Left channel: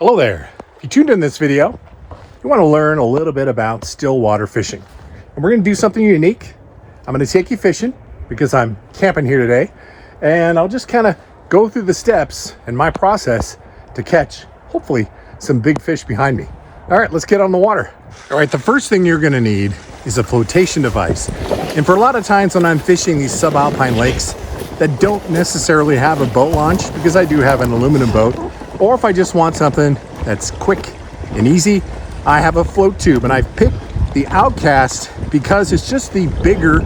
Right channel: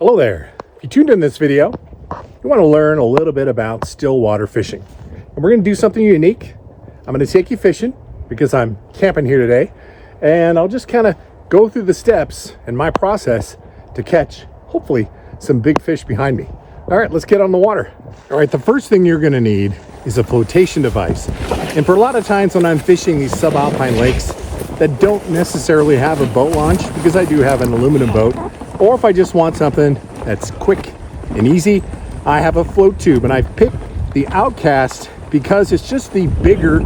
Hello there. If you tuned in this video, you want to learn a little bit about still water fishing. And we're going to do something unique. I'm going to take you fishing because I'm camping here today. And I'll just kind of go through the steps and my process to catch, hopefully, some big fish behind me. All right, let's get on the water. All right, the first thing you're going to need is a flotation device. And for a lot of times when I'm fishing these subalpine lakes that don't necessarily have a boat launch, because I do have an aluminum boat, or if I just want something that's quick and easy, I have a float tube. And I picked the Outcast because it's just the bigger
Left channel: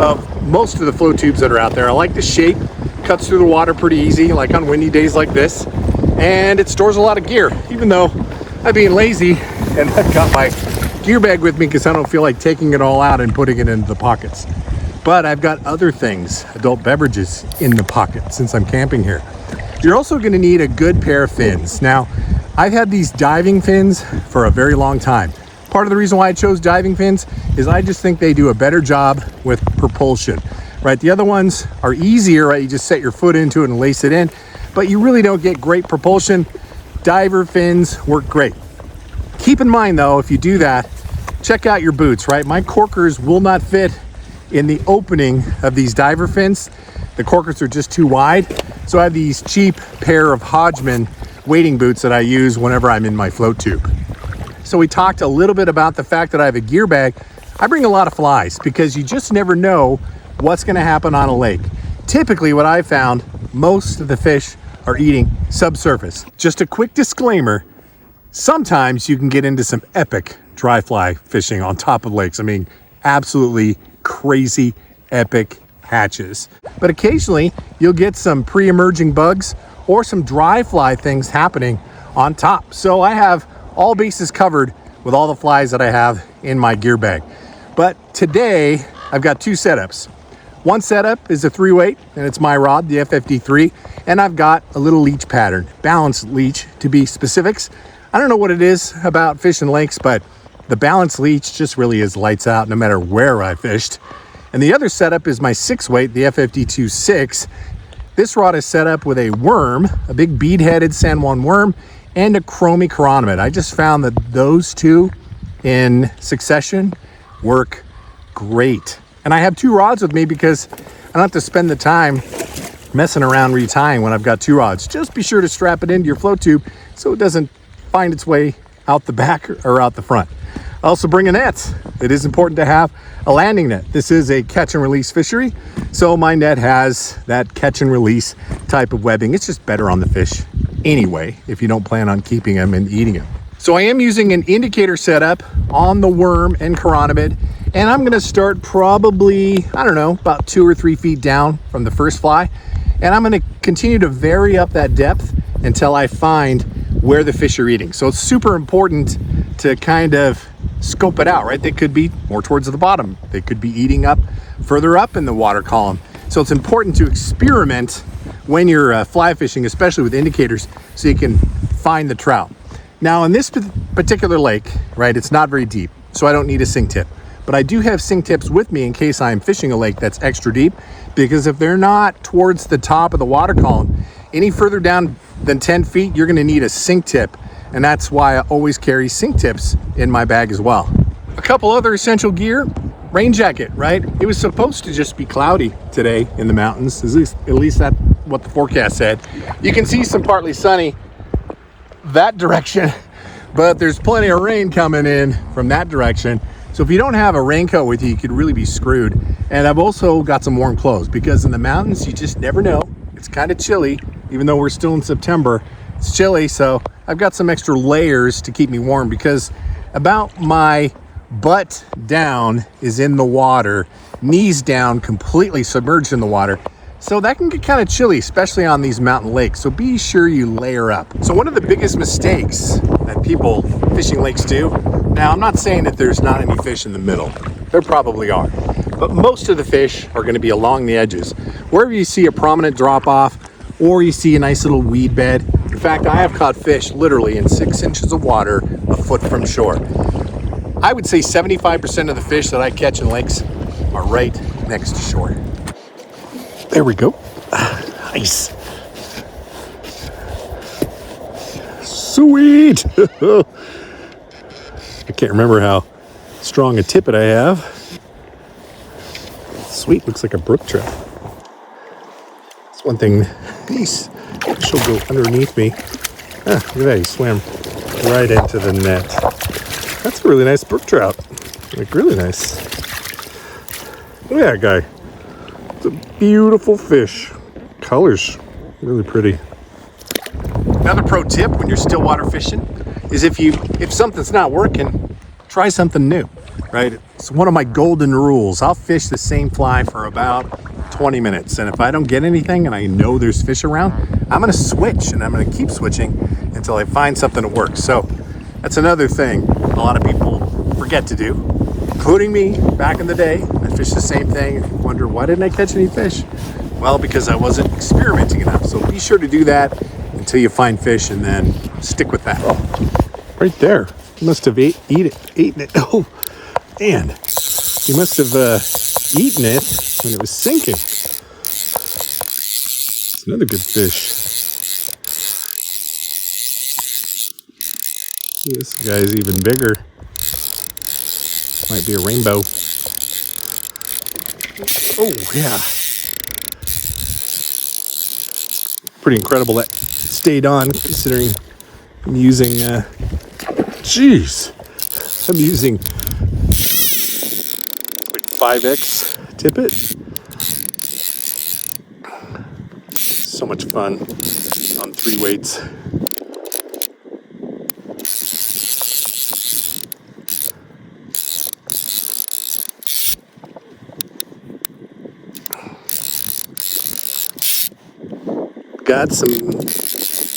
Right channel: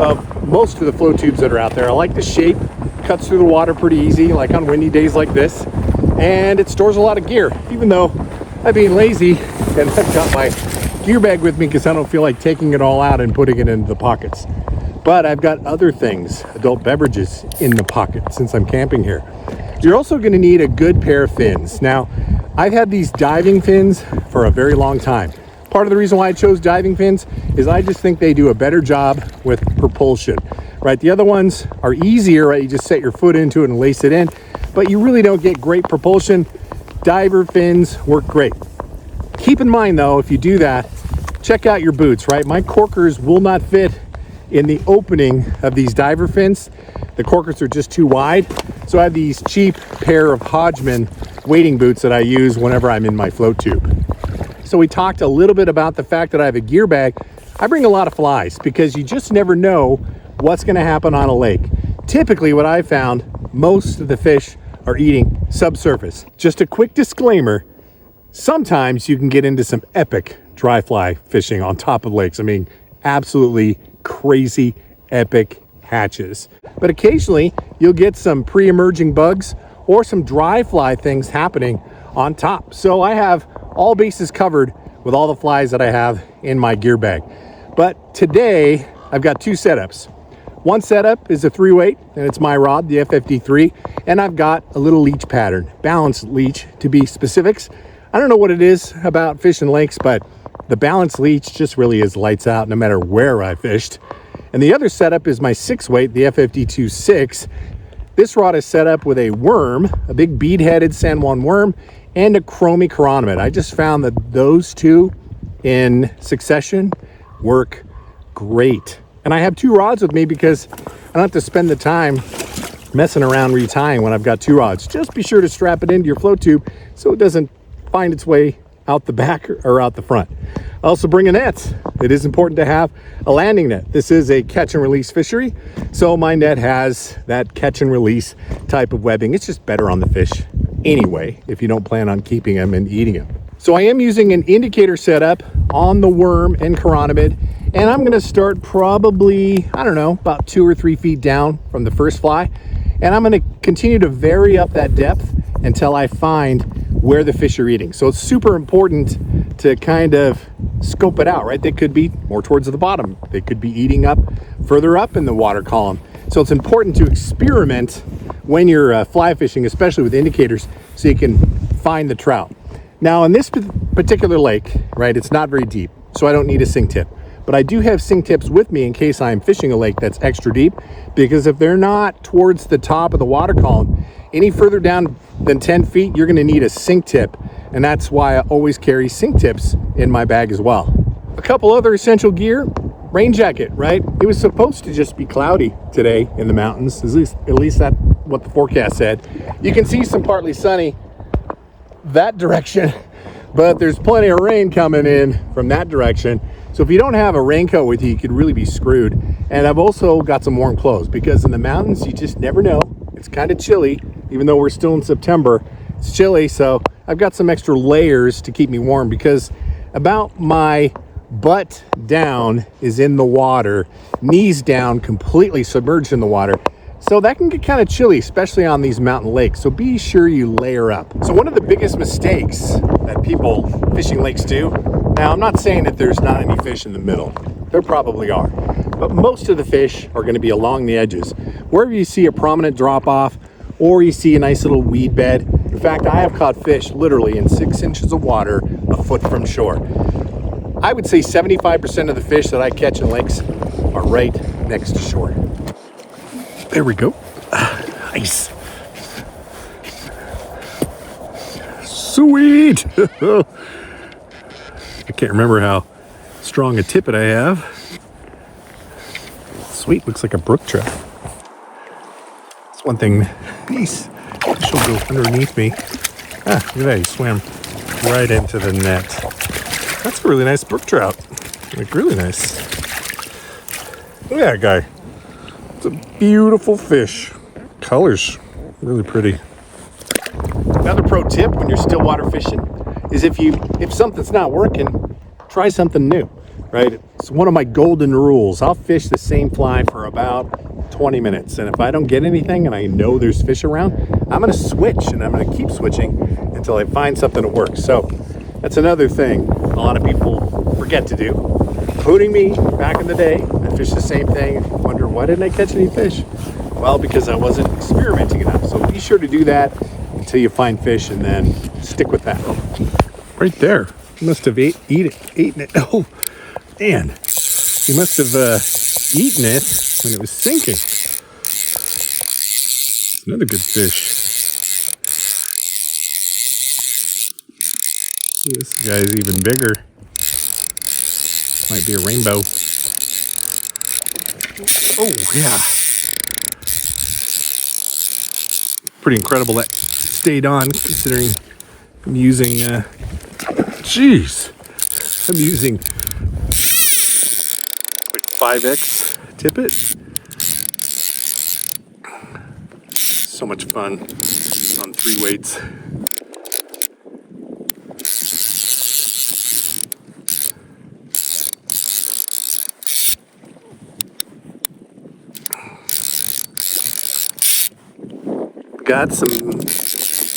of most of the float tubes that are out there. I like the shape, cuts through the water pretty easy, like on windy days like this. And it stores a lot of gear, even though I'm being lazy and I've got my gear bag with me because I don't feel like taking it all out and putting it into the pockets. But I've got other things, adult beverages, in the pocket since I'm camping here. You're also going to need a good pair of fins. Now, I've had these diving fins for a very long time. Part of the reason why I chose diving fins is I just think they do a better job with propulsion, right? The other ones are easier, right? You just set your foot into it and lace it in, but you really don't get great propulsion. Diver fins work great. Keep in mind though, if you do that, check out your boots, right? My corkers will not fit in the opening of these diver fins. The corkers are just too wide. So I have these cheap pair of Hodgman wading boots that I use whenever I'm in my float tube. So we talked a little bit about the fact that I have a gear bag. I bring a lot of flies because you just never know what's gonna happen on a lake. Typically what I found, most of the fish are eating subsurface. Just a quick disclaimer, sometimes you can get into some epic dry fly fishing on top of lakes. I mean, absolutely crazy epic hatches. But occasionally you'll get some pre-emerging bugs or some dry fly things happening on top. So I have all bases covered with all the flies that I have in my gear bag. But today I've got two setups. One setup is a 3-weight and it's my rod, the FFD3, and I've got a little leech pattern, balanced leech to be specifics. I don't know what it is about fishing lakes, but the balanced leech just really is lights out no matter where I fished. And the other setup is my 6-weight, the FFD2-6. This rod is set up with a worm, a big bead-headed San Juan worm, and a chromie chironomid. I just found that those two in succession work great. And I have two rods with me because I don't have to spend the time messing around retying when I've got two rods. Just be sure to strap it into your float tube so it doesn't find its way out the back or out the front. I also bring a net. It is important to have a landing net. This is a catch and release fishery, so my net has that catch and release type of webbing. It's just better on the fish anyway if you don't plan on keeping them and eating them. So I am using an indicator setup on the worm and chironomid, and I'm going to start probably, I don't know, about 2 or 3 feet down from the first fly, and I'm going to continue to vary up that depth until I find where the fish are eating. So it's super important to kind of scope it out, right? They could be more towards the bottom. They could be eating up further up in the water column. So it's important to experiment when you're fly fishing, especially with indicators, so you can find the trout. Now in this particular lake, right, it's not very deep, so I don't need a sink tip. But I do have sink tips with me in case I'm fishing a lake that's extra deep, because if they're not towards the top of the water column, any further down than 10 feet, you're gonna need a sink tip. And that's why I always carry sink tips in my bag as well. A couple other essential gear, rain jacket, right? It was supposed to just be cloudy today in the mountains. At least that's what the forecast said. You can see some partly sunny that direction, but there's plenty of rain coming in from that direction. So if you don't have a raincoat with you, you could really be screwed. And I've also got some warm clothes because in the mountains, you just never know. It's kind of chilly, even though we're still in September. It's chilly, so I've got some extra layers to keep me warm because about my butt down is in the water, knees down, completely submerged in the water. So that can get kind of chilly, especially on these mountain lakes. So be sure you layer up. So one of the biggest mistakes that people fishing lakes do, now I'm not saying that there's not any fish in the middle. There probably are. But most of the fish are going to be along the edges. Wherever you see a prominent drop off or you see a nice little weed bed. In fact, I have caught fish literally in 6 inches of water a foot from shore. I would say 75% of the fish that I catch in lakes are right next to shore. There we go. Nice. Sweet. I can't remember how strong a tippet I have. Sweet, looks like a brook trout. That's one thing. These fish will go underneath me. Ah, look at that, he swam right into the net. That's a really nice brook trout. Like, really nice. Look at that guy. It's a beautiful fish. Colors, really pretty. Another pro tip when you're still water fishing is if something's not working, try something new, right? It's one of my golden rules. I'll fish the same fly for about 20 minutes. And if I don't get anything and I know there's fish around, I'm gonna switch and I'm gonna keep switching until I find something that works. So that's another thing a lot of people forget to do, including me back in the day. I fished the same thing, wonder why didn't I catch any fish? Well, because I wasn't experimenting enough. So be sure to do that until you find fish and then stick with that. Oh, right there. He must have eaten it. Oh, man. He must have eaten it when it was sinking. It's another good fish. This guy's even bigger. Might be a rainbow. Oh, yeah. Pretty incredible that stayed on, considering I'm using, I'm using like 5X tippet. So much fun on 3 weights. Got some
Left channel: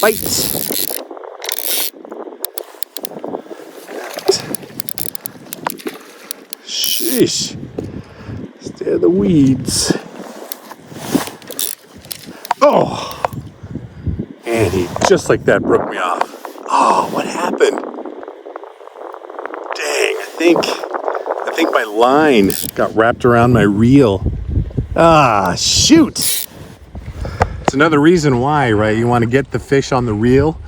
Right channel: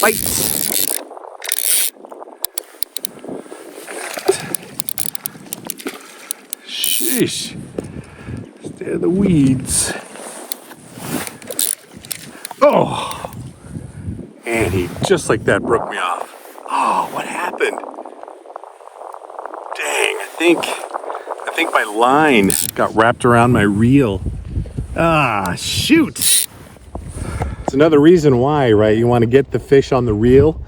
bites. Sheesh. Stay in the weeds. Oh. And he just like that broke me off. Oh, what happened? Dang, I think my line got wrapped around my reel. Ah, shoot. It's another reason why, right? You want to get the fish on the reel.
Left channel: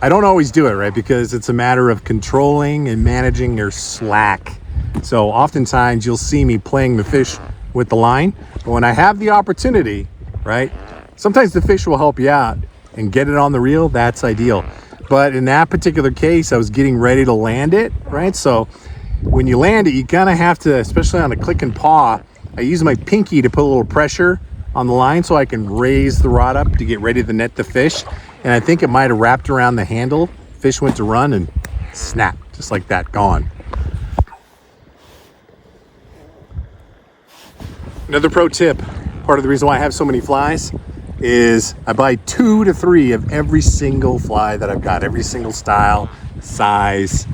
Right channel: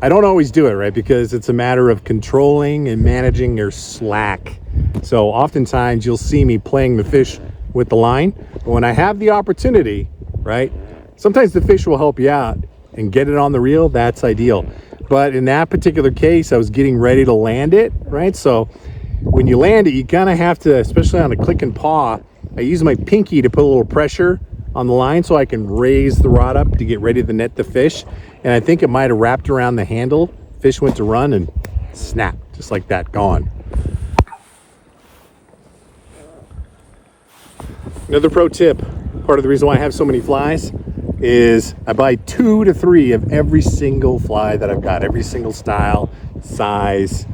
I don't always do it, right? Because it's a matter of controlling and managing your slack. So oftentimes you'll see me playing the fish with the line. But when I have the opportunity, right? Sometimes the fish will help you out and get it on the reel. That's ideal. But in that particular case, I was getting ready to land it, right? So when you land it, you kind of have to, especially on a click and paw, I use my pinky to put a little pressure on the line so I can raise the rod up to get ready to net the fish. And I think it might have wrapped around the handle. Fish went to run and snap, just like that, gone. Another pro tip, part of the reason why I have so many flies is I buy 2 to 3 of every single fly that I've got, every single style, size,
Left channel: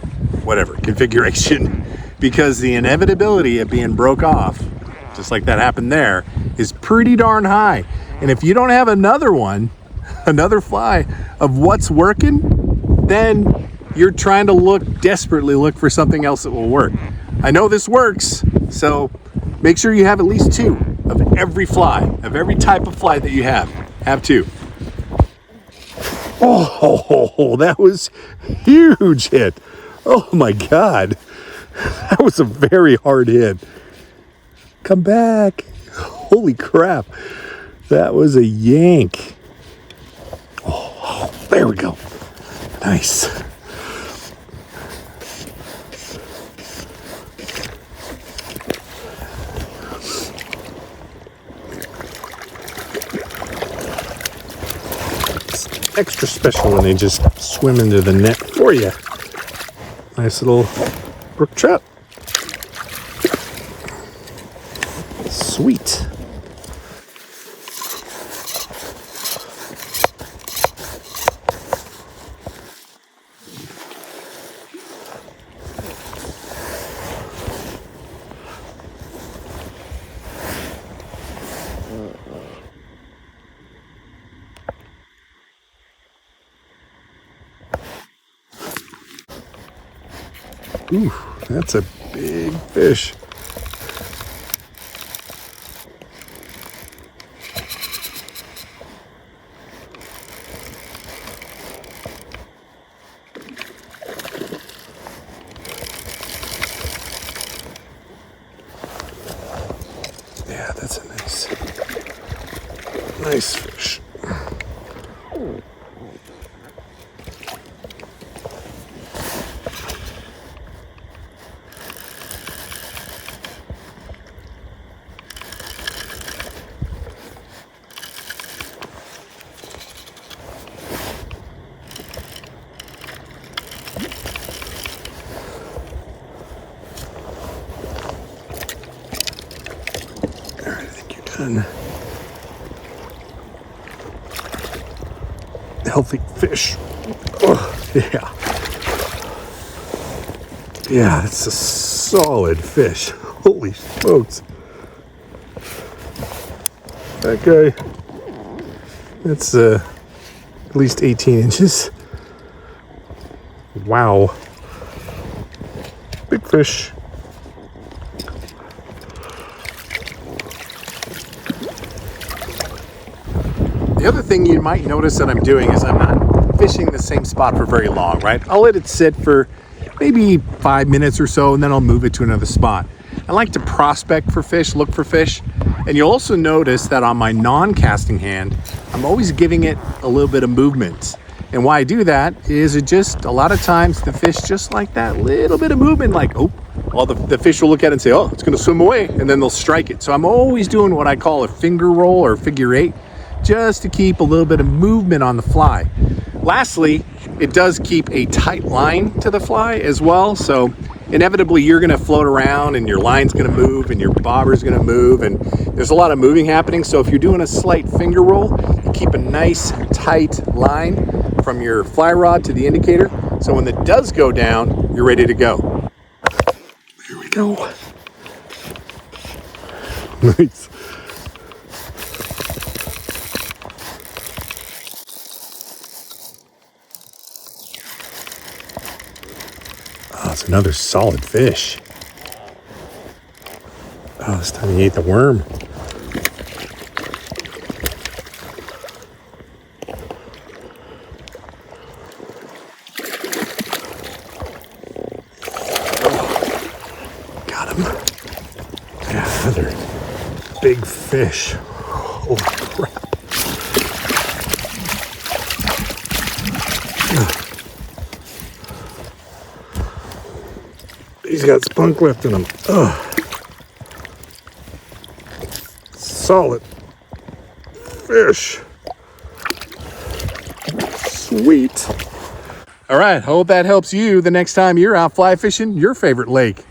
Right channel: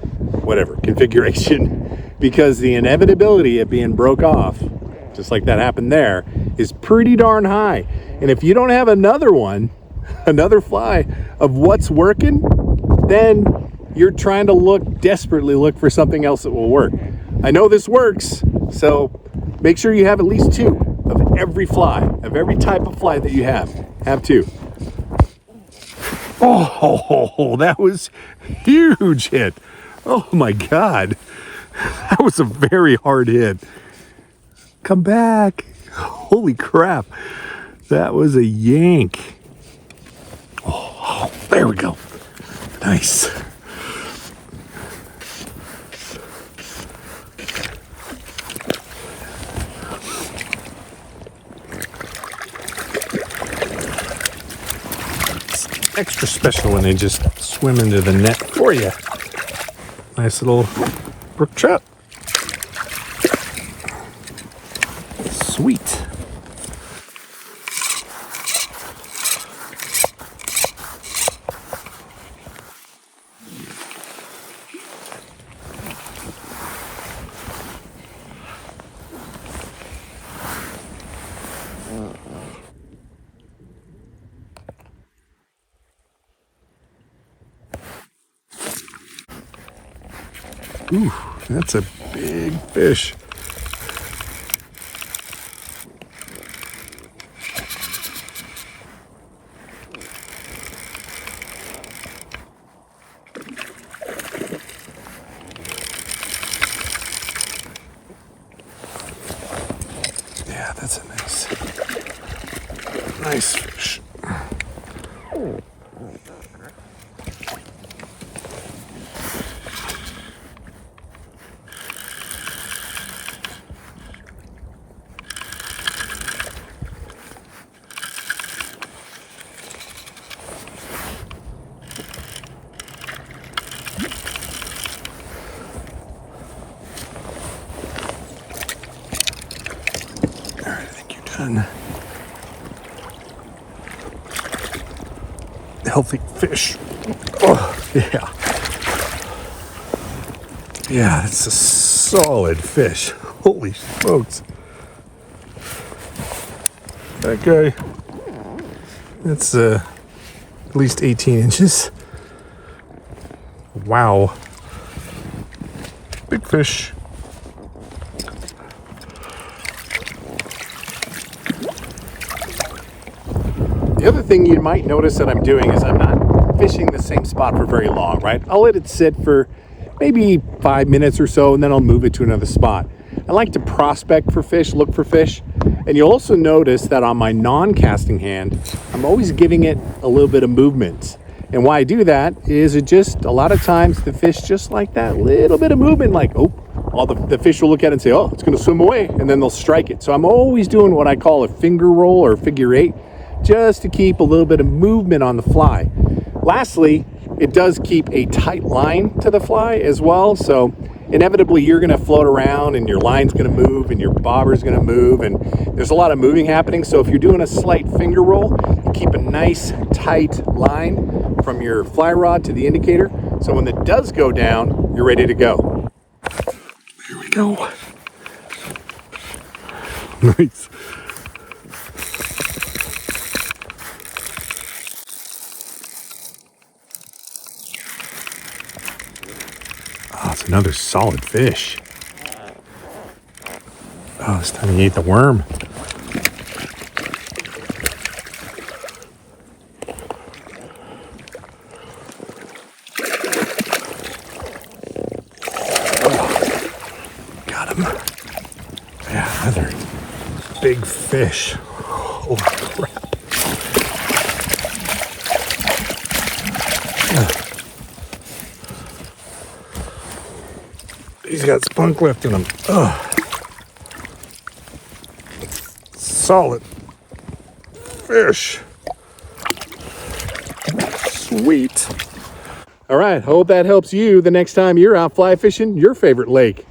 whatever, configuration, because the inevitability of being broke off, just like that happened there, is pretty darn high. And if you don't have another one, another fly of what's working, then you're trying to desperately look for something else that will work. I know this works, so make sure you have at least 2 of every fly, of every type of fly that you have. Have 2. Oh, that was huge hit. Oh my God. That was a very hard hit. Come back. Holy crap. That was a yank. Oh, there we go. Nice. It's extra special when they just swim into the net for you. Nice little brook trout. Sweet. Ooh, that's a big fish. that's a nice fish. All right, I think you're done. Healthy fish. Oh, yeah. Yeah, it's a solid fish. Holy smokes. That guy, that's at least 18 inches. Wow. Big fish. The other thing you might notice that I'm doing is I'm not fishing the same spot for very long, right? I'll let it sit for maybe 5 minutes or so, and then I'll move it to another spot. I like to prospect for fish, look for fish. And you'll also notice that on my non-casting hand, I'm always giving it a little bit of movement. And why I do that is it just, a lot of times the fish just like that little bit of movement, like, oh, well, the fish will look at it and say, oh, it's gonna swim away, and then they'll strike it. So I'm always doing what I call a finger roll or figure eight, just to keep a little bit of movement on the fly. Lastly, it does keep a tight line to the fly as well. So inevitably you're gonna float around and your line's gonna move and your bobber's gonna move, and there's a lot of moving happening. So if you're doing a slight finger roll, you keep a nice tight line from your fly rod to the indicator. So when it does go down, you're ready to go. Here we go. Nice. Oh, it's another solid fish. Oh, this time he ate the worm. Oh, got him. Yeah, another big fish. Holy crap. He's got spunk left in him. Oh. Solid fish. Sweet. All right, hope that helps you the next time you're out fly fishing your favorite lake.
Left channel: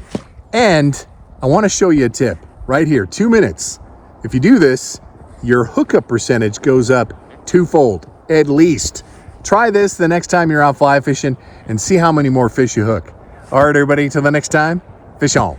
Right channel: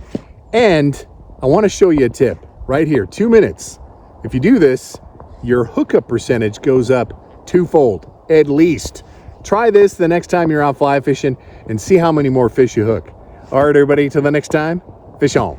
And I want to show you a tip right here, 2 minutes. If you do this, your hookup percentage goes up twofold, at least. Try this the next time you're out fly fishing and see how many more fish you hook. All right, everybody, till the next time, fish on.